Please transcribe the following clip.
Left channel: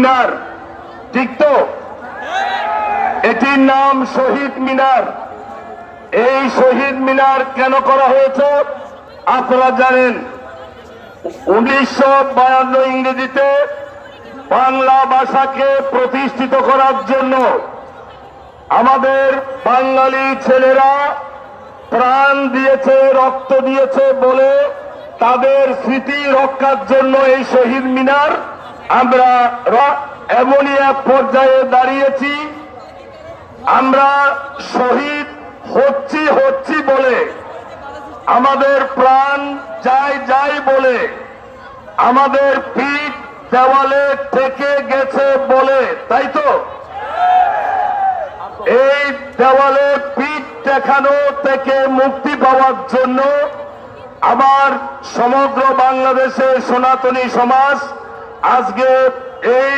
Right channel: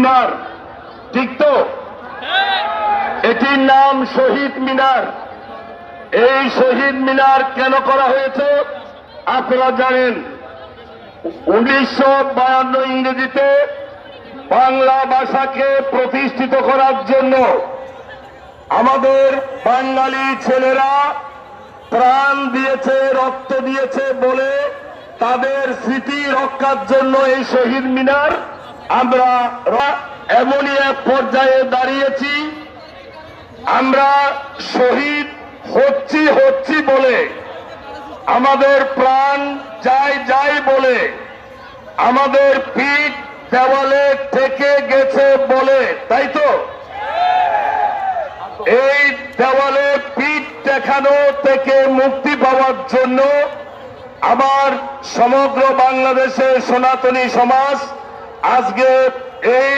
মিনার, ঠিক তো? এটির নাম শহীদ মিনার। এই শহীদ মিনার কেন করা হয়েছে আপনারা জানেন। 1952 ইংরেজিতে বাংলা ভাষাকে প্রতিষ্ঠিত করার জন্য আমাদের বাঙালি ছেলেরা প্রাণ দিয়েছে, রক্ত দিয়েছে বলে তাদের স্মৃতি রক্ষার জন্য এই শহীদ মিনার আমরা এমনই এক পর্যায়ে দাঁড়িয়েছি। আমরা শহীদ হচ্ছি বলে, আমাদের প্রাণ যাই বলে, আমাদের পিঠ দেওয়ালে ঠেকে গেছে বলে, তাই তো? এই দেওয়ালে পিঠ ঠেকানো থেকে মুক্তি পাওয়ার জন্য আমার সমগ্র বাংলাদেশের সনাতনী সমাজ আজকে এই